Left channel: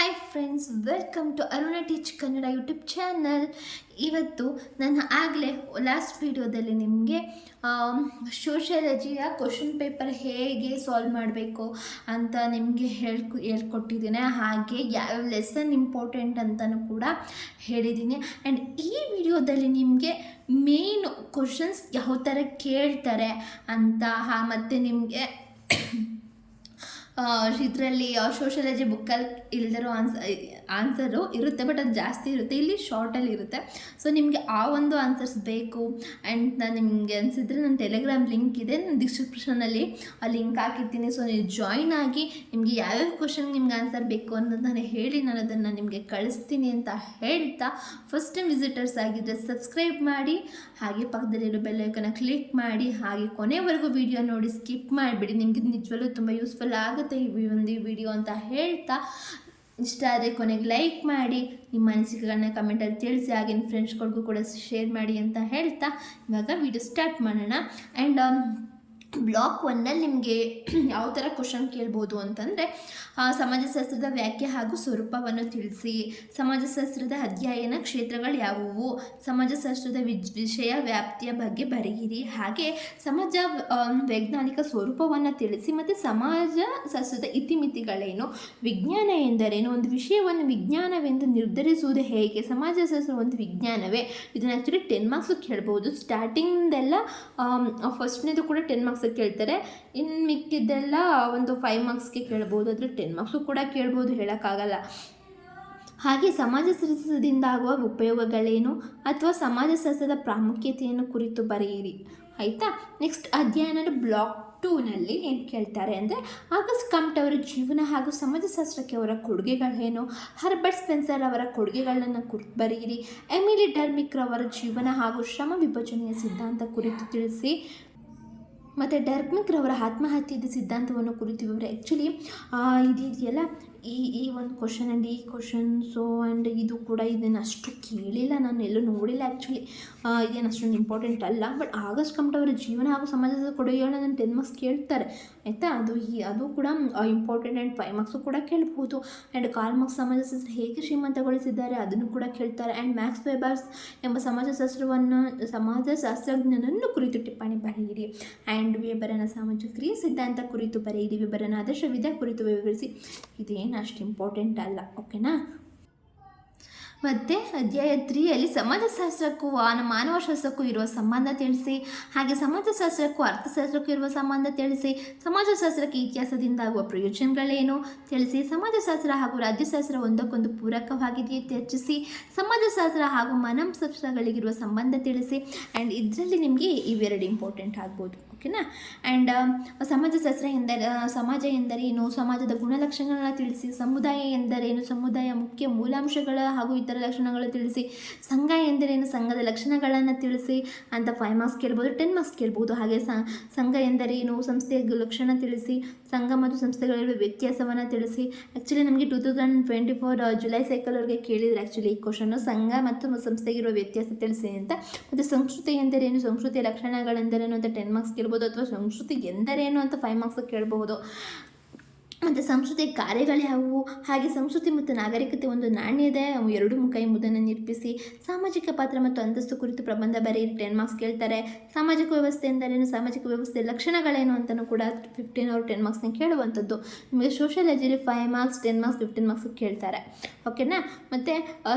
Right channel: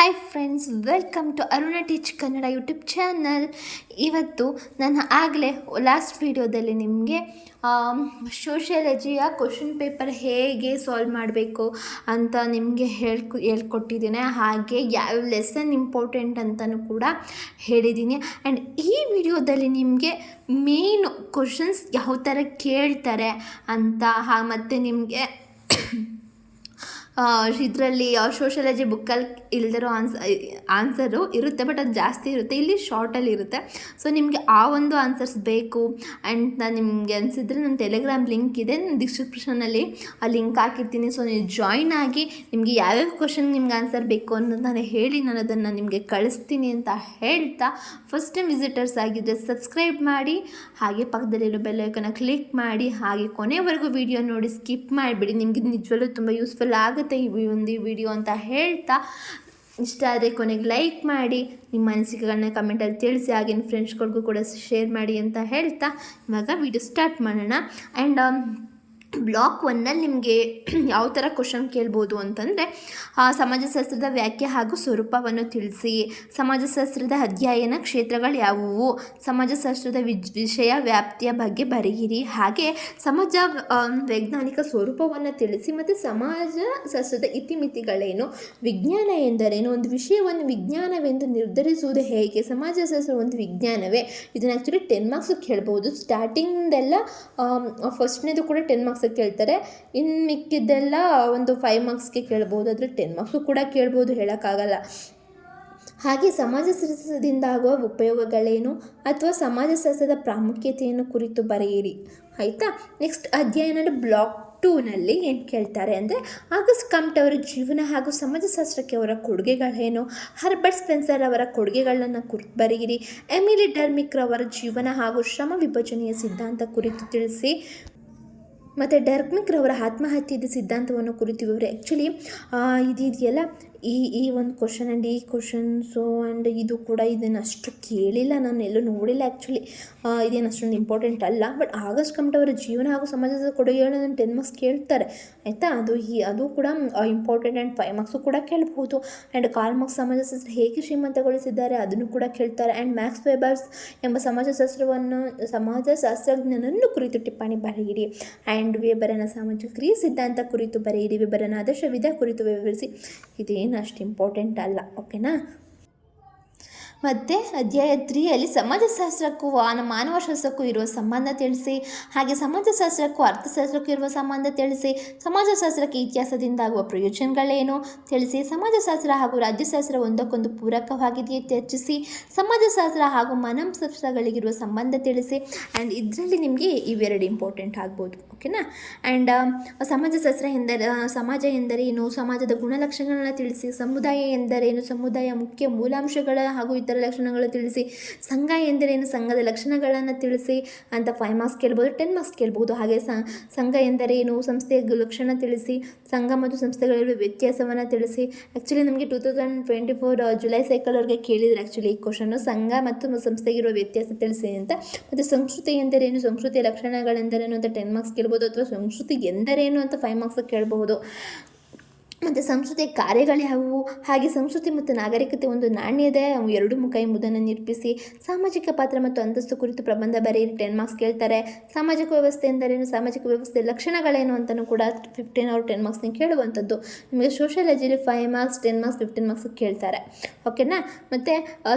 Hi friends, welcome to Aruna teach Kannada YouTube channel. ಇವತ್ತು ನಾನು ಆಗಲೇ ಲಾಸ್ಟ್ ವಿಡಿಯೋದಲ್ಲಿ ನಿಮಗೆ ಸೋಷಿಯಾಲಜಿಯ ಕ್ವಶನ್ ಪೇಪರ್ ಹೇಗೆ ಸಾಲ್ವ್ ಮಾಡಬೇಕು ಅಂತ ನಿಮಗೆ ಹೇಳ್ಕೊಟ್ಟಿದ್ದೀನಿ. ಹಾಗೆ ಯಾವ್ಯಾವ ಲೆಸನ್ ಇಂಪಾರ್ಟೆಂಟ್ ಅಂತಲೂ ಕೂಡ ಹೇಳಿದ್ದೀನಿ. ಆ್ಯಂಡ್ ಈ ವಿಡಿಯೋದಲ್ಲಿ ನಿಮಗೆ ಮೇನ್ ಕ್ವಶನ್ಸ್ ಯಾವ ಥರ ಕೇಳ್ತಾರೆ ಅಂತ ಮತ್ತು ನಿಮಗೆ ಇದರಲ್ಲಿ ಸೋಷಿಯಾಲಜಿ ಬುಕ್ಕಲ್ಲಿ ಇಲ್ದಿರೋ ಆನ್ಸರು ಇರುತ್ತೆ, ಬಟ್ ಅದು ಜಾಸ್ತಿ ಇರುತ್ತೆ, ಇಲ್ಲಿ ಶಾರ್ಟಲ್ಲಿ ಇರುತ್ತೆ. ಸೊ ನಿಮಗೆ ಆ ಒಂದು ಆನ್ಸರ್ಸ್ ಬೇಕು ಆ್ಯಂಡ್ ನಾನು ನಿಮಗೆ ಅನಿಸಿದ್ರೆ ನನ್ನ ಟೆಲಿಗ್ರಾಮ್ ಲಿಂಕ್ ಇದೆ, ನಾನು ಡಿಸ್ಕ್ರಿಪ್ಷನಲ್ಲಿ ಆ ಲಿಂಕ್ ಹಾಕಿರ್ತೀನಿ. ಸೊ ನೀವು ಜಾಯ್ನ್ ಆಗಿ ನಿಮಗೆ ಯಾವ್ಯಾವ ಕ್ವಶನ್ ನಿಮ್ಗೆ ಆನ್ಸರ್ ಬೇಕು ಅನ್ನೋದು ನಾನು ಹೇಳಿ ನಾನು ಅದನ್ನು ನಿಮಗೆ ಕಳಿಸ್ತೀನಿ ಅಂತ ಹೇಳ್ತಾ, ಫಸ್ಟ್ ಟೈಮ್ ವಿಸಿಟರ್ಸ್ ಆಗಿದ್ದರೆ ಸಬ್ಸ್ಕ್ರೈಬ್ ಮಾಡಿ, ಹಾಗೆ ಪಕ್ಕದಲ್ಲಿರೋ ಬೆಲ್ ಐಕಾನ್ನ ಕ್ಲಿಕ್ ಮಾಡಿ, ಹಾಗೆ ಕೊನೆವರೆಗೂ ವಿಡಿಯೋ ನೋಡಿ ಸ್ಕಿಪ್ ಮಾಡಿಬಿಡಿ. ನಿಮಗೆ ನಿಜವಲ್ಲೂ ತುಂಬ ಯೂಸ್ಫುಲ್ ಆಗುತ್ತೆ ಈ ಒಂದು ವಿಡಿಯೋ ಅಂತ ಹೇಳ್ತಾ, ಇಷ್ಟ ಆದರೆ ಕೊನೆಗೆ ಲೈಕ್ ಮಾಡಿ, ನಿಮ್ಮ ಅನಿಸಿಕೆಗಳನ್ನ ಕಮೆಂಟಲ್ಲಿ ತಿಳಿಸಿ, ಹಾಗೆ ನಿಮ್ಮ ಫ್ರೆಂಡ್ಸ್ಗಳಿಗೂ ಕೂಡ ಶೇರ್ ಮಾಡಿ ಅಂತ ಹೇಳ್ತಾ ಇವಾಗ ವಿಡಿಯೋ ಸ್ಟಾರ್ಟ್ ಮಾಡೋಣ. ಆ್ಯಂಡ್ ಬ್ಲಾಕ್ 1ನಲ್ಲಿ ನಿಮಗೆ ಯಾವ ಥರ ಕ್ವಶನ್ ಕೇಳ್ಬೋದು ಅಂತಂದರೆ, ಸಮಾಜಶಾಸ್ತ್ರದ ವ್ಯಾಖ್ಯೆ ಹಾಗೂ ಸ್ವರೂಪವನ್ನು ತಿಳಿಸಿ, ಸಮಾಜಶಾಸ್ತ್ರದ ಅಧ್ಯಯನ ಕ್ಷೇತ್ರಗಳು ಯಾವುವು, ಸಮಾಜಶಾಸ್ತ್ರದ ವಿಷಯ ವ್ಯಾಪ್ತಿಯ ಬಗ್ಗೆ ಬರೆಯಿರಿ, ಹಾಗೆ ಸಮಾಜ ವೈಜ್ಞಾನಿಕ ಸ್ವರೂಪವನ್ನು ತಿಳಿಸಿ, ಮತ್ತು ಸಮಾಜಶಾಸ್ತ್ರದ ಇತಿಮಿತಿಗಳೇನು, ವಿಜ್ಞಾನ ಎಂದರೇನು, ಒಂದು ವಿಷಯವನ್ನು ವಿಜ್ಞಾನವೆಂದು ನಿರ್ಧರಿಸುವುದು ಹೇಗೆ, ಸಮಾಜಶಾಸ್ತ್ರ ಒಂದು ವಿಜ್ಞಾನವೇ. ಇದನ್ನು ಆ್ಯಕ್ಚುಲಿ 10 ಮಾರ್ಕ್ಸ್ ಕೇಳ್ಬೋದು. ಸ್ಟಾರ್ಟಿಂಗ್ದೆಲ್ಲ ಫಸ್ಟ್ನೇದು ಕೂಡ 10 ಮಾರ್ಕ್ಸ್ ಕೇಳ್ತಾರೆ, ಇನ್ನು ಮಿಕ್ಕಿದ್ದೆಲ್ಲ ಒಂದು 5 ಮಾರ್ಕ್ಸ್ಗೆ ಕೇಳ್ಬೋದು, ಆದರೆ 10 ಮಾರ್ಕ್ಸು ಕೂಡ ಕೇಳ್ಬೋದು, ಹೇಳೋಕ್ಕಾಗಲ್ಲ. ಹಾಗೆ ಸಮಾಜಶಾಸ್ತ್ರದಿಂದ ಆಗುವ ಉಪಯೋಗಗಳೇನು ಅಥವಾ ಸಮಾಜಶಾಸ್ತ್ರದ ಪ್ರಾಮುಖ್ಯತೆಯನ್ನು ಕುರಿತು ಬರೆಯಿರಿ, ಆಯಿತಾ. ನೆಕ್ಸ್ಟ್ ಅಧ್ಯಯನದ ಬ್ಲಾಕ್ 2ನಲ್ಲಿ ಏನು ಕೇಳ್ತಾರೆ ಅಂದರೆ, ಆಗಸ್ಟ್ ಕಂಪ್ಟ್ ಅವರ ಜೀವನ ಹಾಗೂ ಸಮಾಜಶಾಸ್ತ್ರಕ್ಕೆ ಅವರ ಕೊಡುಗೆಗಳೇನು, ಹರ್ಬರ್ಟ್ ಸ್ಪೆನ್ಸರ್ ಅವರ ಕೊಡುಗೆಗಳನ್ನು ಕುರಿತು ಬರೆಯಿರಿ, ಎಮಿಲಿ ಡರ್ಮಿಕ್ ರವರ ಜೀವನ ಹಾಗೂ ಶ್ರಮ ವಿಭಜನೆಯ ಸಿದ್ಧಾಂತ ಕುರಿತು ತಿಳಿಸಿ, ಮತ್ತು ಡರ್ಮಿಕ್ ರವರ ಆತ್ಮಹತ್ಯೆಯ ಸಿದ್ಧಾಂತವನ್ನು ಕುರಿತು ವಿವರ. ಆ್ಯಕ್ಚುಲಿ ಇದೆಯಲ್ಲ ಈ ಒಂದು ಕ್ವಶನ್ ಆ್ಯಂಡ್ ಈ ಕ್ವಶನ್ಸು ಆ್ಯಂಡ್ ಇದು ಕೂಡ ಇದನ್ನು ಅಷ್ಟು ಕೇಳಿಲ್ಲ, ನಾನು ಎಲ್ಲೂ ನೋಡಿಲ್ಲ. ಆ್ಯಕ್ಚುಲಿ ಇದೇನು ಅಷ್ಟೊಂದು ಇಂಪಾರ್ಟೆಂಟ್ ಅಲ್ಲ, ಬಟ್ ಆಗಸ್ಟ್ ಕಂಪ್ಟ್ ಅವರ ಜೀವನ ಹಾಗೂ ಸಮಾಜದ ಕೊಡುಗೆಗಳನ್ನು 10 ಮಾರ್ಕ್ಸ್ ಕೇಳ್ತಾರೆ, ಆಯಿತಾ. ಅದು ಕೂಡ ಇಂಪಾರ್ಟೆಂಟ್ ಆ್ಯಂಡ್ 5 ಮಾರ್ಕ್ಸು ಕೂಡ ಕೇಳ್ಬೋದು. ಆ್ಯಂಡ್ ಕಾರ್ಲ್ ಮಾರ್ಕ್ಸ್ ಸಮಾಜಶಾಸ್ತ್ರ ಹೇಗೆ ಶ್ರೀಮಂತಗೊಳಿಸಿದ್ದಾರೆ ಅದನ್ನು ಕೂಡ ಕೇಳ್ತಾರೆ. ಆ್ಯಂಡ್ ಮ್ಯಾಕ್ಸ್ ವೆಬರ್ಸ್ ಎಂಬ ಸಮಾಜಶಾಸ್ತ್ರಜ್ಞನನ್ನು ಕುರಿತು ಟಿಪ್ಪಣಿ ಬರೆಯಿರಿ. ಆ್ಯಂಡ್ ವೆಬರನ ಸಾಮಾಜಿಕ ಕ್ರಿಯೆ ಸಿದ್ಧಾಂತ ಕುರಿತು ಬರೆಯಿರಿ, ವೆಬರನ ಆದರ್ಶ ವಿಧ ಕುರಿತು ವಿವರಿಸಿ. ಇದೇನು ಅಷ್ಟು ಇಂಪಾರ್ಟೆಂಟ್ ಅಲ್ಲ, ಓಕೆನಾ. ಮತ್ತು ಅಧ್ಯಾಯ 3ಯಲ್ಲಿ ಸಮಾಜಶಾಸ್ತ್ರಕ್ಕೂ ಮಾನವಶಾಸ್ತ್ರಕ್ಕೂ ಇರುವ ಸಂಬಂಧ ತಿಳಿಸಿ, ಹಾಗೆ ಸಮಾಜಶಾಸ್ತ್ರಕ್ಕೂ ಅರ್ಥಶಾಸ್ತ್ರಕ್ಕೂ ಇರುವ ಸಂಬಂಧ ತಿಳಿಸಿ, ಸಮಾಜಶಾಸ್ತ್ರಕ್ಕೆ ಇತಿಹಾಸದಿಂದ ಆಗುವ ಪ್ರಯೋಜನಗಳೇನು ತಿಳಿಸಿ, ಸಮಾಜಶಾಸ್ತ್ರ ಹಾಗೂ ರಾಜ್ಯಶಾಸ್ತ್ರ ಒಂದಕ್ಕೊಂದು ಪೂರಕವಾಗಿದೆಯೇ ಚರ್ಚಿಸಿ, ಸಮಾಜಶಾಸ್ತ್ರ ಹಾಗೂ ಮನಃಶಾಸ್ತ್ರಗಳಿಗಿರುವ ಸಂಬಂಧ ತಿಳಿಸಿ. ಆ್ಯಂಡ್ ಇದರಲ್ಲಿ ನಿಮಗೆ ಇವೆರಡು ಇಂಪಾರ್ಟೆಂಟ್ ಆಗ್ಬೋದು, ಓಕೆನಾ. ಆ್ಯಂಡ್ ಸಮಾಜಶಾಸ್ತ್ರ ಸಮಾಜ ಎಂದರೇನು, ಸಮಾಜದ ಗುಣಲಕ್ಷಣಗಳನ್ನು ತಿಳಿಸಿ, ಸಮುದಾಯ ಎಂದರೇನು, ಸಮುದಾಯ ಮುಖ್ಯ ಮೂಲಾಂಶಗಳ ಹಾಗೂ ಇತರ ಲಕ್ಷಣಗಳು ತಿಳಿಸಿ, ಸಂಘ ಎಂದರೇನು, ಸಂಘದ ಲಕ್ಷಣಗಳನ್ನು ತಿಳಿಸಿ ಅಂತ 5 ಮಾರ್ಕ್ಸ್ ಕೇಳ್ಬೋದು, 10 ಮಾರ್ಕ್ಸ್ ಕೇಳ್ಬೋದು. ಹಾಗೆ ಸಂಘ ಎಂದರೇನು, ಸಂಸ್ಥೆಯ ಲಕ್ಷಣ ತಿಳಿಸಿ, ಸಂಘ ಮತ್ತು ಸಂಸ್ಥೆಗಳಿರುವ ವ್ಯತ್ಯಾಸವನ್ನು ತಿಳಿಸಿ. ಆ್ಯಕ್ಚುಲಿ ನಮಗೆ 2024 ಜುಲೈ ಸೈಕಲ್ವರೆಗೆ ಕೇಳಿದರೆ ಆ್ಯಕ್ಚುಲಿ ಈ ಕ್ವಶನ್ನು, ಸಂಘ ಮತ್ತು ಸಂಸ್ಥೆಗಿರುವ ವ್ಯತ್ಯಾಸ ತಿಳಿಸಿ ಅಂತ. ಮತ್ತು ಸಂಸ್ಕೃತಿ ಎಂದರೇನು, ಸಂಸ್ಕೃತಿಯ ಲಕ್ಷಣಗಳೆಂದರೇನು ಅಂತ 10 ಮಾರ್ಕ್ಸ್ ಕೇಳ್ಬೋದು, ಅಥವಾ ಸಂಸ್ಕೃತಿ ಎಂದರೇನು ಅಂತ 5 ಮಾರ್ಕ್ಸ್ ಕೇಳಬಹುದು. ಮತ್ತು ಸಂಸ್ಕೃತಿಯ ಕಾರ್ಯಗಳು ಯಾವುವು, ಹಾಗೆ ಸಂಸ್ಕೃತಿ ಮತ್ತು ನಾಗರಿಕತೆ ಒಂದು ನಾಣ್ಯದ 2 ಮುಖ ಎಂಬುದನ್ನು ನಿರೂಪಿಸಿ, ಸಾಮಾಜಿಕ ಪಾತ್ರ ಮತ್ತು ಅಂತಸ್ತು ಕುರಿತು ಪ್ರಬಂಧ ಬರೆಯಿರಿ, 10 ಮಾರ್ಕ್ಸ್ ಕೇಳ್ತಾರೆ. ಸಾಮಾಜಿಕ ವ್ಯವಸ್ಥೆ ಎಂದರೇನು, ಸಾಮಾಜಿಕ ವ್ಯವಸ್ಥೆಯ ಲಕ್ಷಣಗಳೇನು ಅಂತಲೂ ಕೂಡ 15 or 10 ಮಾರ್ಕ್ಸ್ನ ಕೇಳುವಂಥದ್ದು. ನಿಮಗೆ ಸೋಷಿಯಾಲಜಿಲಿ 5 ಮಾರ್ಕ್ಸ್, 10 ಮಾರ್ಕ್ಸ್, 15 ಮಾರ್ಕ್ಸ್ ಕೇಳ್ತಾರೆ, ಓಕೆನಾ. ಮತ್ತು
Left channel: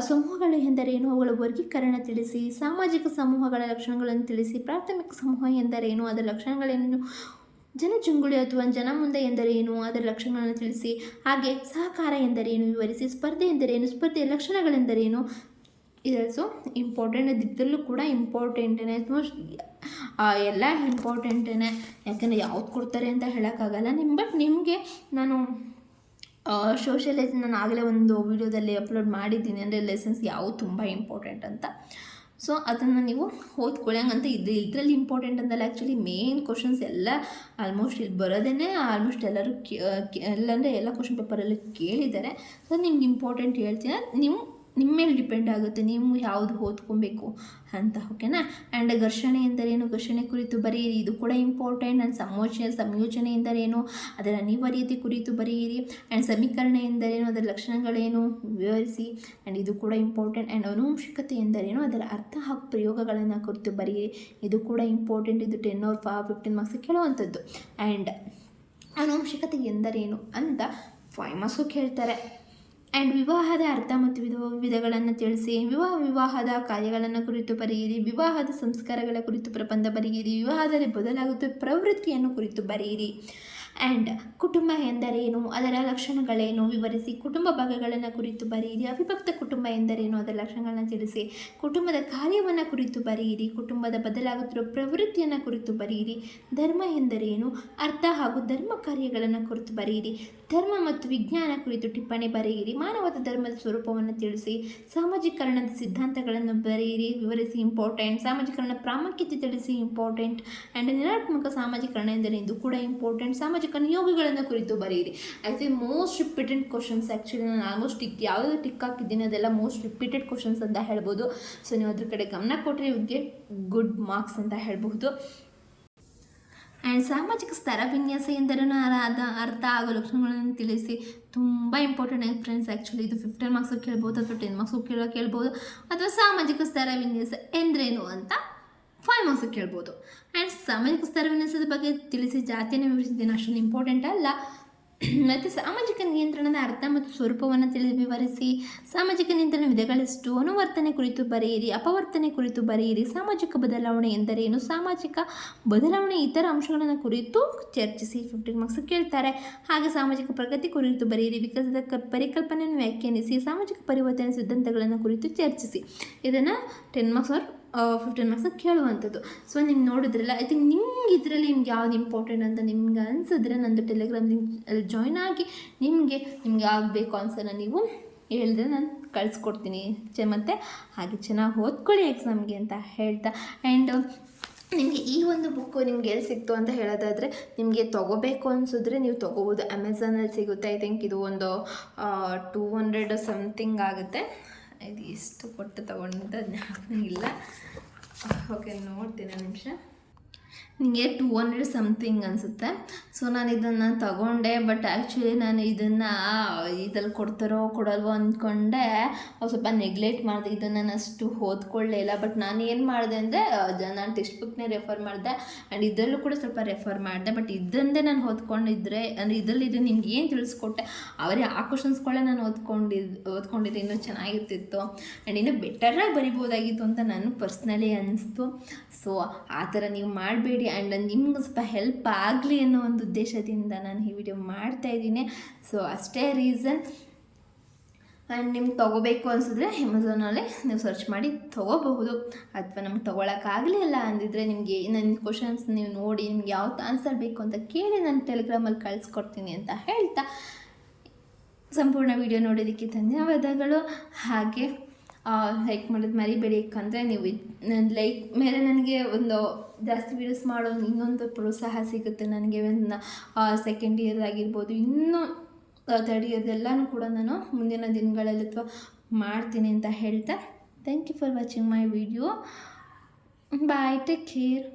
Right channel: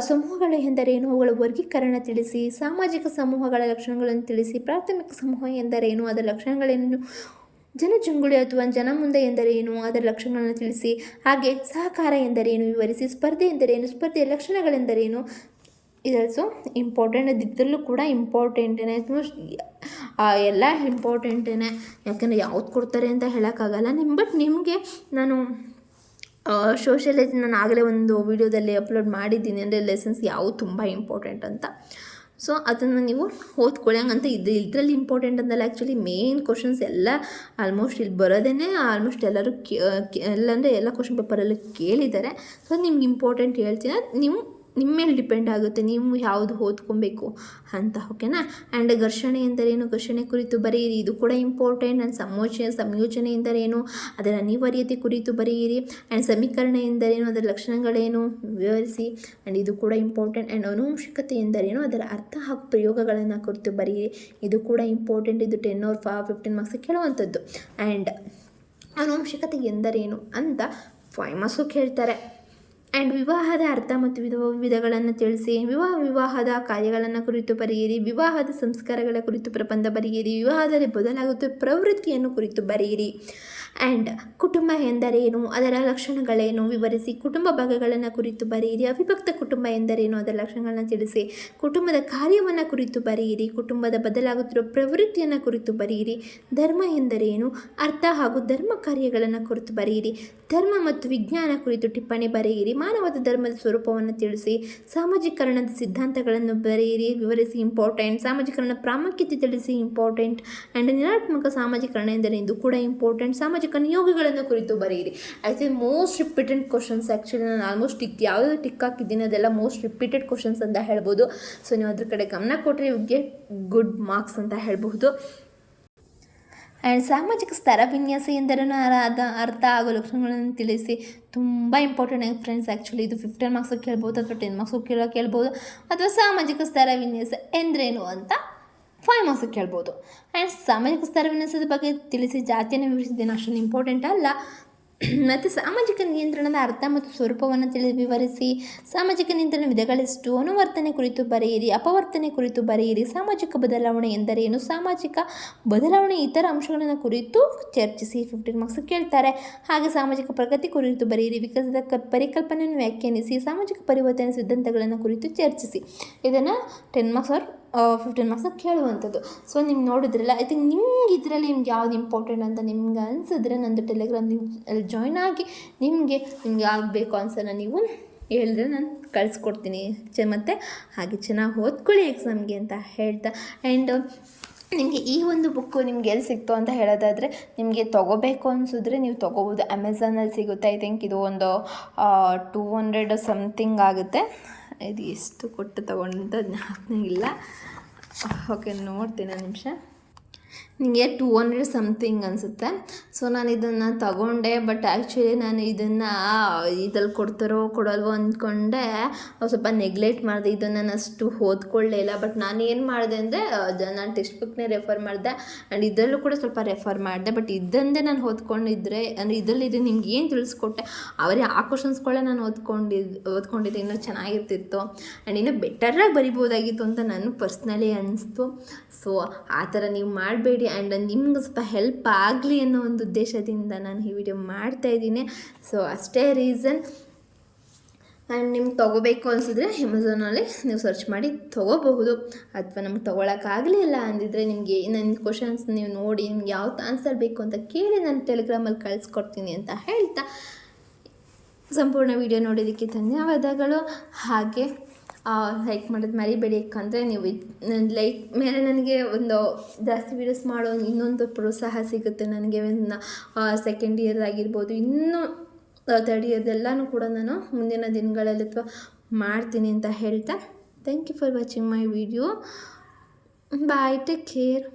ಸಮೂಹಗಳು ಎಂದರೇನು, ಅವುಗಳ ವರ್ಗೀಕರಣ ತಿಳಿಸಿ, ಸಾಮಾಜಿಕ ಸಮೂಹಗಳ ಲಕ್ಷಣಗಳನ್ನು ತಿಳಿಸಿ, ಪ್ರಾಥಮಿಕ ಸಮೂಹ ಎಂದರೇನು, ಅದರ ಲಕ್ಷಣಗಳೇನು, ಜನಜಂಗುಳಿ ಅಥವಾ ಜನಮುಂದೆ ಎಂದರೇನು, ಅದರ ಲಕ್ಷಣಗಳನ್ನು ತಿಳಿಸಿ, ಹಾಗೆ ಸಹಕಾರ ಎಂದರೇನು ವಿವರಿಸಿ, ಸ್ಪರ್ಧೆ ಎಂದರೇನು, ಸ್ಪರ್ಧೆಯ ಲಕ್ಷಣಗಳೆಂದರೇನು. ಇದಲ್ಸೋ ಇಂಪಾರ್ಟೆಂಟ್, ಇದರಲ್ಲೂ ಕೂಡ ಇಂಪಾರ್ಟೆಂಟೇ, ಎಲ್ಲ ಇಂಪಾರ್ಟೆಂಟೇ, ಯಾಕೆಂದರೆ ಯಾವ್ದು ಕೊಡ್ತಾರೆ ಅಂತ ಹೇಳೋಕ್ಕಾಗಲ್ಲ ಬಟ್ ನಿಮಗೆ ನಾನು ಸೋಷಿಯಾಲಜಿ ನಾನು ಆಗಲೇ ಒಂದು ವಿಡಿಯೋದಲ್ಲಿ ಅಪ್ಲೋಡ್ ಮಾಡಿದ್ದೀನಿ, ಅಂದರೆ ಲೆಸನ್ಸ್ ಯಾವುದು ತುಂಬ ಇಂಪಾರ್ಟೆಂಟ್ ಅಂತ. ಸೊ ಅದನ್ನು ನೀವು ಓದ್ಕೊಳ್ಳಿ. ಹಂಗಂತ ಇದರಲ್ಲಿ ಇಂಪಾರ್ಟೆಂಟ್ ಅಂತಲ್ಲ, ಆ್ಯಕ್ಚುಲಿ ಮೇನ್ ಕ್ವಶನ್ಸ್ ಎಲ್ಲ ಆಲ್ಮೋಸ್ಟ್ ಇಲ್ಲಿ ಬರೋದೇ ಆಲ್ಮೋಸ್ಟ್ ಎಲ್ಲರೂ ಎಲ್ಲಂದರೆ ಎಲ್ಲ ಕ್ವಶನ್ ಪೇಪರಲ್ಲಿ ಕೇಳಿದ್ದಾರೆ. ಸೊ ನಿಮ್ಗೆ ಇಂಪಾರ್ಟೆಂಟ್ ಹೇಳ್ತೀನಿ, ನೀವು ನಿಮ್ಮ ಮೇಲೆ ಡಿಪೆಂಡ್ ಆಗುತ್ತೆ ನೀವು ಯಾವುದು ಓದ್ಕೊಬೇಕು ಅಂತ, ಓಕೆನಾ. ಆ್ಯಂಡ್ ಘರ್ಷಣೆ ಎಂದರೇನು, ಘರ್ಷಣೆ ಕುರಿತು ಬರೆಯಿರಿ, ಇದು ಕೂಡ ಇಂಪಾರ್ಟೆಂಟ್. ಆ್ಯಂಡ್ ಸಂಯೋಜನೆ ಎಂದರೇನು, ಅದರ ಅನಿವಾರ್ಯತೆ ಕುರಿತು ಬರೆಯಿರಿ. ಆ್ಯಂಡ್ ಸಮೀಕರಣ ಎಂದರೇನು, ಅದರ ಲಕ್ಷಣಗಳೇನು ವಿವರಿಸಿ. ಆ್ಯಂಡ್ ಇದು ಕೂಡ ಇಂಪಾರ್ಟೆಂಟ್. ಆ್ಯಂಡ್ ಆನುವಂಶಿಕತೆ ಎಂದರೇನು, ಅದರ ಅರ್ಥ ಹಾಗೂ ಪ್ರಯೋಗಗಳನ್ನು ಕುರಿತು ಬರೆಯಿರಿ, ಇದು ಕೂಡ ಇಂಪಾರ್ಟೆಂಟ್. ಇದು 10 or 15 ಮಾರ್ಕ್ಸ್ ಕೇಳುವಂಥದ್ದು. ಆ್ಯಂಡ್ ಆನುವಂಶಿಕತೆ ಎಂದರೇನು ಅಂತ 5 ಮಾರ್ಕ್ಸು ಕೇಳ್ತಾರೆ. ಆ್ಯಂಡ್ ವಿವಾಹದ ಅರ್ಥ ಮತ್ತು ವಿಧಗಳನ್ನು ತಿಳಿಸಿ. ವಿವಾಹದ ಕಾರ್ಯಗಳನ್ನು ಕುರಿತು ಬರೆಯಿರಿ. ವಿವಾಹದ ಸಂಸ್ಕಾರಗಳ ಕುರಿತು ಪ್ರಬಂಧ ಬರೆಯಿರಿ. ವಿವಾಹದಲ್ಲಿ ಬದಲಾಗುತ್ತಿರುವ ಪ್ರವೃತ್ತಿಯನ್ನು ಕುರಿತು ಬರೆಯಿರಿ. ಆ್ಯಂಡ್ ಕುಟುಂಬ ಎಂದರೇನು, ಅದರ ಲಕ್ಷಣಗಳೇನು ವಿವರಿಸಿ. ಕುಟುಂಬ ಭಾಗಗಳನ್ನು ಕುರಿತು ಬರೆಯಿರಿ. ಅವಿಭಕ್ತ ಕುಟುಂಬ ಎಂದರೇನು, ಅದರ ಲಕ್ಷಣಗಳನ್ನು ತಿಳಿಸಿ. ಕುಟುಂಬದ ಕಾರ್ಯವನ್ನು ಕುರಿತು ಬರೆಯಿರಿ. ಕುಟುಂಬದ ಬದಲಾಗುತ್ತಿರುವ ಪ್ರವೃತ್ತಿಯನ್ನು ಕುರಿತು ಬರೆಯಿರಿ. ಧರ್ಮ ಎಂದರೇನು, ಅರ್ಥ ಹಾಗೂ ಧರ್ಮ ಕಾರ್ಯಗಳನ್ನು ಕುರಿತು ಬರೆಯಿರಿ. ಧರ್ಮ ಮತ್ತು ವಿಜ್ಞಾನ ಕುರಿತು ಟಿಪ್ಪಣಿ ಬರೆಯಿರಿ. ಮಾನವದ ಧರ್ಮದ ಸ್ವರೂಪವನ್ನು ತಿಳಿಸಿ. ಸಾಮಾಜೀಕರಣದ ಸಿದ್ಧಾಂತಗಳನ್ನು ಬರೆಯಿರಿ, ವಿವರಿಸಿ, ಇಂಪಾರ್ಟೆಂಟ್. ಸಾಮಾಜೀಕರಣದ ಪ್ರಾಮುಖ್ಯತೆ ತಿಳಿಸಿ, ಇಂಪಾರ್ಟೆಂಟ್. ಆ್ಯಂಡ್ ನಿರಾತ್ಮಕ ಸಾಮಾಜೀಕರಣ ಎಂದರೆ ಇದು ಕೂಡ ಇಂಪಾರ್ಟೆಂಟ್. ಸಾಮಾಜಿಕ ನಿಯೋಗಗಳನ್ನು ಕುರಿತು ಬರೆಯಿರಿ. I most repeated questions. Actually ನಾನು ಆಲ್ಮೋಸ್ಟ್ ಯಾವುದು ಟಿಕ್ ಹಾಕಿದ್ದೀನಿ ಅದೆಲ್ಲ ಮೋಸ್ಟ್ ರಿಪೀಟೆಡ್ ಕ್ವಶನ್ಸ್ ಅಂತ ಹೇಳ್ಬೋದು. ಸೊ ನೀವು ಅದ್ರ ಕಡೆ ಗಮನ ಕೊಟ್ಟರೆ ಯು ಗೆಟ್ ಗುಡ್ ಮಾರ್ಕ್ಸ್ ಅಂತ ಹೇಳ್ಬಹುದು. ಆ್ಯಂಡ್ ಸಾಮಾಜಿಕ ಸ್ತರ ವಿನ್ಯಾಸ ಎಂದರೇನು, ಅರ್ಥ ಹಾಗೂ ಲಕ್ಷಣಗಳನ್ನು ತಿಳಿಸಿ. ತುಂಬ ಇಂಪಾರ್ಟೆಂಟ್ ಫ್ರೆಂಡ್ಸ್. ಆ್ಯಕ್ಚುಲಿ ಇದು 15 ಮಾರ್ಕ್ಸ್ ಕೇಳ್ಬೋದು ಅಥವಾ 10 ಮಾರ್ಕ್ಸ್ ಕೇಳ್ಬೋದು. ಅಥವಾ ಸಾಮಾಜಿಕ ಸ್ತರ ವಿನ್ಯಾಸ ಎಂದರೇನು ಅಂತ 5 ಮಾರ್ಕ್ಸ್ ಕೇಳ್ಬೋದು. ಆ್ಯಂಡ್ ಸಾಮಾಜಿಕ ಸ್ತರ ವಿನ್ಯಾಸದ ಬಗ್ಗೆ ತಿಳಿಸಿ. ಜಾತಿಯನ್ನು ವಿವರಿಸಿದ್ದೇನೆ, ಅಷ್ಟೊಂದು ಇಂಪಾರ್ಟೆಂಟ್ ಅಲ್ಲ. ಮತ್ತು ಸಾಮಾಜಿಕ ನಿಯಂತ್ರಣದ ಅರ್ಥ ಮತ್ತು ಸ್ವರೂಪವನ್ನು ವಿವರಿಸಿ. ಸಾಮಾಜಿಕ ನಿಯಂತ್ರಣ ವಿಧಗಳೆಷ್ಟು, ಅನುವರ್ತನೆ ಕುರಿತು ಬರೆಯಿರಿ. ಅಪವರ್ತನೆ ಕುರಿತು ಬರೆಯಿರಿ. ಸಾಮಾಜಿಕ ಬದಲಾವಣೆ ಎಂದರೇನು, ಸಾಮಾಜಿಕ ಬದಲಾವಣೆ ಇತರ ಅಂಶಗಳನ್ನು ಕುರಿತು ಚರ್ಚಿಸಿ. 15 ಮಾರ್ಕ್ಸ್ ಕೇಳ್ತಾರೆ. ಹಾಗೆ ಸಾಮಾಜಿಕ ಪ್ರಗತಿ ಕುರಿತು ಬರೆಯಿರಿ. ವಿಕಸನದ ಪರಿಕಲ್ಪನೆಯನ್ನು ವ್ಯಾಖ್ಯಾನಿಸಿ. ಸಾಮಾಜಿಕ ಪರಿವರ್ತನೆ ಸಿದ್ಧಾಂತಗಳನ್ನು ಕುರಿತು ಚರ್ಚಿಸಿ. ಇದನ್ನು 10 ಮಾರ್ಕ್ಸ್ ಆರ್ 15 ಮಾರ್ಕ್ಸ್ ಕೇಳುವಂಥದ್ದು. ಸೊ ನಿಮ್ಗೆ ನೋಡಿದ್ರಲ್ಲ, ಐ ಥಿಂಕ್ ನಿಮ್ಗೆ ಇದರಲ್ಲಿ ನಿಮ್ಗೆ ಯಾವ್ದು ಇಂಪಾರ್ಟೆಂಟ್ ಅಂತ ನಿಮ್ಗೆ ಅನಿಸಿದ್ರೆ ನಂದು ಟೆಲಿಗ್ರಾಮ್ ಅಲ್ಲಿ ಜಾಯ್ನ್ ಆಗಿ ನಿಮಗೆ ಆಗಬೇಕು ಆನ್ಸರ್ನ ನೀವು ಹೇಳಿದ್ರೆ ನಾನು ಕಳಿಸ್ಕೊಡ್ತೀನಿ. ಮತ್ತು ಹಾಗೆ ಚೆನ್ನಾಗಿ ಓದ್ಕೊಳ್ಳಿ ಎಕ್ಸಾಮ್ಗೆ ಅಂತ ಹೇಳ್ತಾ. ಆ್ಯಂಡ್ ನಿಮಗೆ ಈ ಒಂದು ಬುಕ್ಕು ನಿಮ್ಗೆ ಎಲ್ಲಿ ಸಿಕ್ತು ಅಂತ ಹೇಳೋದಾದರೆ, ನಿಮಗೆ ತೊಗೋಬೇಕು ಅನಿಸಿದ್ರೆ ನೀವು ತೊಗೋಬೋದು. ಅಮೆಝಾನಲ್ಲಿ ಸಿಗುತ್ತೆ. ಐ ಥಿಂಕ್ ಇದು ಒಂದು 200 ಸಮಥಿಂಗ್ ಆಗುತ್ತೆ. ಇದು ಎಷ್ಟು ಕೊಟ್ಟು ತೊಗೊಂಡಂತ ಜ್ಞಾಪಕ. ಓಕೆ, ನೋಡ್ತೀನಿ ಒಂದು ನಿಮಿಷ. ನಿಮಗೆ 200 ಸಮಥಿಂಗ್ ಅನಿಸುತ್ತೆ. ಸೊ ನಾನು ಇದನ್ನು ತಗೊಂಡೆ. ಬಟ್ ಆ್ಯಕ್ಚುಲಿ ನಾನು ಇದನ್ನು ಇದ್ರಲ್ಲಿ ಕೊಡ್ತಾರೋ ಕೊಡಲ್ವೋ ಅಂದ್ಕೊಂಡೆ ಸ್ವಲ್ಪ ನೆಗ್ಲೆಕ್ಟ್ ಮಾಡಿದೆ. ಇದನ್ನು ನಾನು ಅಷ್ಟು ಓದ್ಕೊಳ್ಳೇ ಇಲ್ಲ. ಬಟ್ ನಾನು ಏನು ಮಾಡಿದೆ ಅಂದರೆ ನಾನು ಟೆಕ್ಸ್ಟ್ ಬುಕ್ನೇ ರೆಫರ್ ಮಾಡಿದೆ. ಆ್ಯಂಡ್ ಇದರಲ್ಲೂ ಕೂಡ ಸ್ವಲ್ಪ ರೆಫರ್ ಮಾಡಿದೆ. ಬಟ್ ಇದಂದೇ ನಾನು ಓದ್ಕೊಂಡಿದ್ರೆ ಅಂದರೆ ಇದರಲ್ಲಿ ಇದು ನಿಮ್ಗೆ ಏನು ತಿಳಿಸ್ಕೊಟ್ಟೆ ಅವರೇ ಆ ಕ್ವಶನ್ಸ್ಗಳೇ ನಾನು ಓದ್ಕೊಂಡಿದ್ದೆ ಇನ್ನೂ ಚೆನ್ನಾಗಿರ್ತಿತ್ತು. ಆ್ಯಂಡ್ ಇನ್ನೂ ಬೆಟರಾಗಿ ಬರಿಬೋದಾಗಿತ್ತು ಅಂತ ನನಗೆ ಪರ್ಸ್ನಲಿ ಅನ್ನಿಸ್ತು. ಸೊ ಆ ಥರ ನೀವು ಮಾಡಬೇಡಿ. ಆ್ಯಂಡ್ ನಿಮ್ಗೆ ಸ್ವಲ್ಪ ಹೆಲ್ಪ್ ಆಗಲಿ ಅನ್ನೋ ಒಂದು ಉದ್ದೇಶದಿಂದ ನಾನು ಈ ವಿಡಿಯೋ ಮಾಡ್ತಾಯಿದ್ದೀನಿ. ಸೊ ಅಷ್ಟೇ ರೀಸನ್. ಆ್ಯಂಡ್ ನಿಮ್ಗೆ ತೊಗೋಬೇಕು ಅನಿಸಿದ್ರೆ ಅಮೆಝಾನಲ್ಲಿ ನೀವು ಸರ್ಚ್ ಮಾಡಿ ತೊಗೋಬಹುದು. ಅಥವಾ ನಮ್ಗೆ ತೊಗೊಳಕ್ಕಾಗಲಿಲ್ಲ ಅಂದಿದ್ರೆ ನಿಮಗೆ ನನ್ನ ಕ್ವಶನ್ಸ್ ನೀವು ನೋಡಿ ನಿಮ್ಗೆ ಯಾವ್ದು ಆನ್ಸರ್ ಬೇಕು ಅಂತ ಕೇಳಿ ನಾನು ಟೆಲಿಗ್ರಾಮಲ್ಲಿ ಕಳಿಸ್ಕೊಡ್ತೀನಿ ಅಂತ ಹೇಳ್ತಾ, ಸಂಪೂರ್ಣ ವಿಡಿಯೋ ನೋಡೋದಕ್ಕೆ ಧನ್ಯವಾದಗಳು. ಹಾಗೆ ಲೈಕ್ ಮಾಡೋದು ಮರಿಬೇಡಿ. ಯಾಕಂದರೆ ನೀವು ಲೈಕ್ ಮೇಲೆ ನನಗೆ ಒಂದು ಜಾಸ್ತಿ ವೀಡಿಯೋಸ್ ಮಾಡೋ ಇನ್ನೊಂದು ಪ್ರೋತ್ಸಾಹ ಸಿಗುತ್ತೆ ನನಗೆ. ಸೆಕೆಂಡ್ ಇಯರ್ ಆಗಿರ್ಬೋದು, ಇನ್ನೂ 3rd ಇಯರ್ದೆಲ್ಲನೂ ಕೂಡ ನಾನು ಮುಂದಿನ ದಿನಗಳಲ್ಲಿ ಅಥವಾ ಮಾಡ್ತೀನಿ ಅಂತ ಹೇಳ್ತಾ, thank you for watching my video. Bye, take care.